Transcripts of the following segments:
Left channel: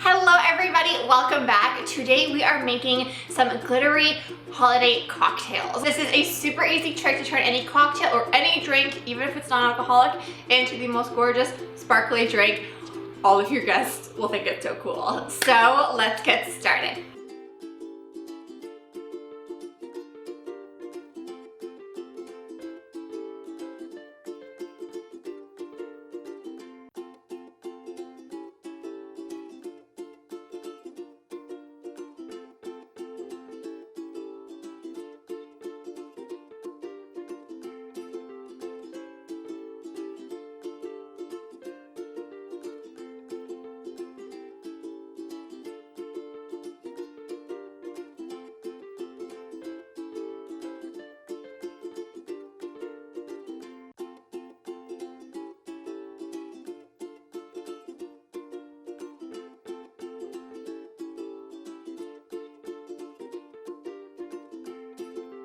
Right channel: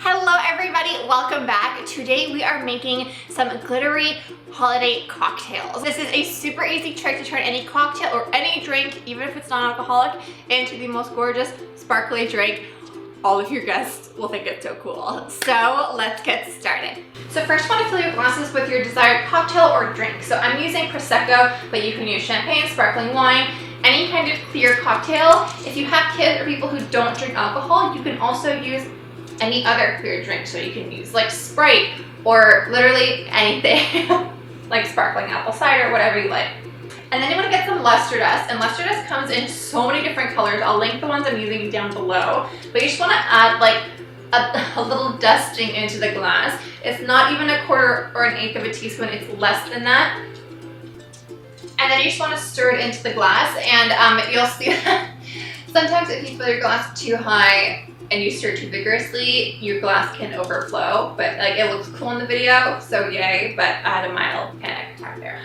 Hello everybody, welcome back. Today we are making some glittery holiday cocktails. This is a super easy trick to turn any cocktail or any drink, even if it's non-alcoholic, into the most gorgeous sparkly drink. All of your guests will think it's so cool. So let's get started. So first you want to fill your glasses with your desired cocktail or drink. So I'm using prosecco, but you can use champagne, sparkling wine, any kind of clear cocktail. If you have kids or people who don't drink alcohol, you can also use any other clear drink. So you can use like Sprite or literally anything like sparkling apple cider, whatever you like. And then you want to get some luster dust, and luster dust comes in so many different colors. I'll link the ones I'm using down below, but you just want to add like a little dusting into the glass. It's not even a quarter or an eighth of a teaspoon, it's less than that. And then you just want to stir it into the glass, and you'll see that sometimes if you fill your glass too high and you stir too vigorously, your glass can overflow, but like it looks cool in the video, so yay, but I had a mild panic attack there.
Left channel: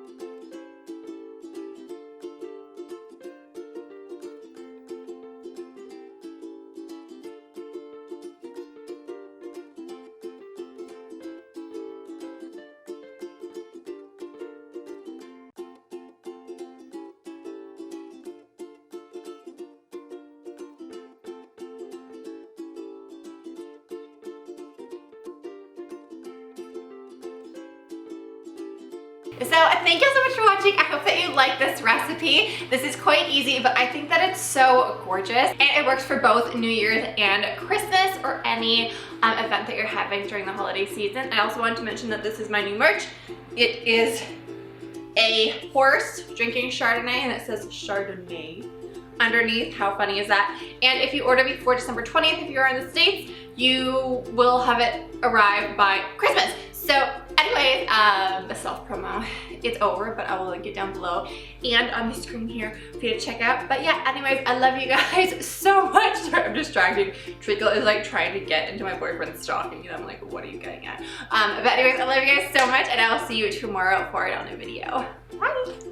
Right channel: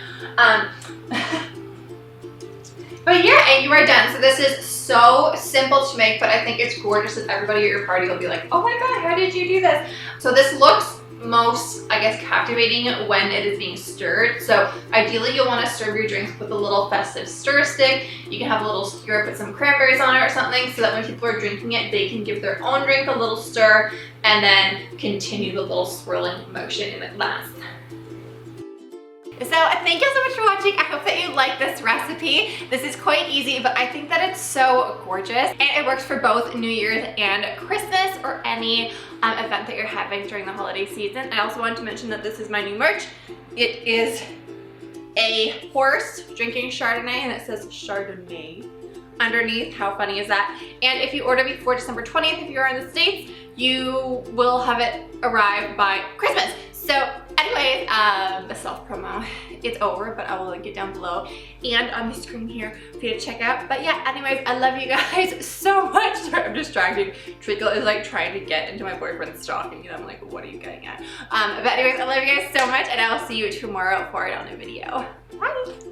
But yeah, and you are done. So this is so simple to make, but I think it's gorgeous that everybody at your party will be like, oh my god, how did you do this? So this looks most, I guess, captivating when it is being stirred. So ideally you'll want to serve your drinks with a little festive stir stick. You can have a little skewer, put some cranberries on it or something, so that when people are drinking it, they can give their own drink a little stir and then continue the little swirling motion in the glass. So thank you so much for watching. I hope that you like this recipe. This is quite easy, but I think that it's so gorgeous. And it works for both New Year's and Christmas or any event that you're having during the holiday season. I also wanted to mention that this is my new merch. It is a horse drinking Chardonnay, and it says Chardonnay underneath. How funny is that? And if you order before December 20th, if you're in the States, you will have it arrive by Christmas. So anyways, the self-promo, it's over, but I will link it down below and on the screen here for you to check out. But yeah, anyways, I love you guys so much. Sorry, I'm distracting. Treacle is like trying to get into my boyfriend's stocking, and I'm like, what are you getting at? But anyways, I love you guys so much, and I will see you tomorrow for a new video. Bye!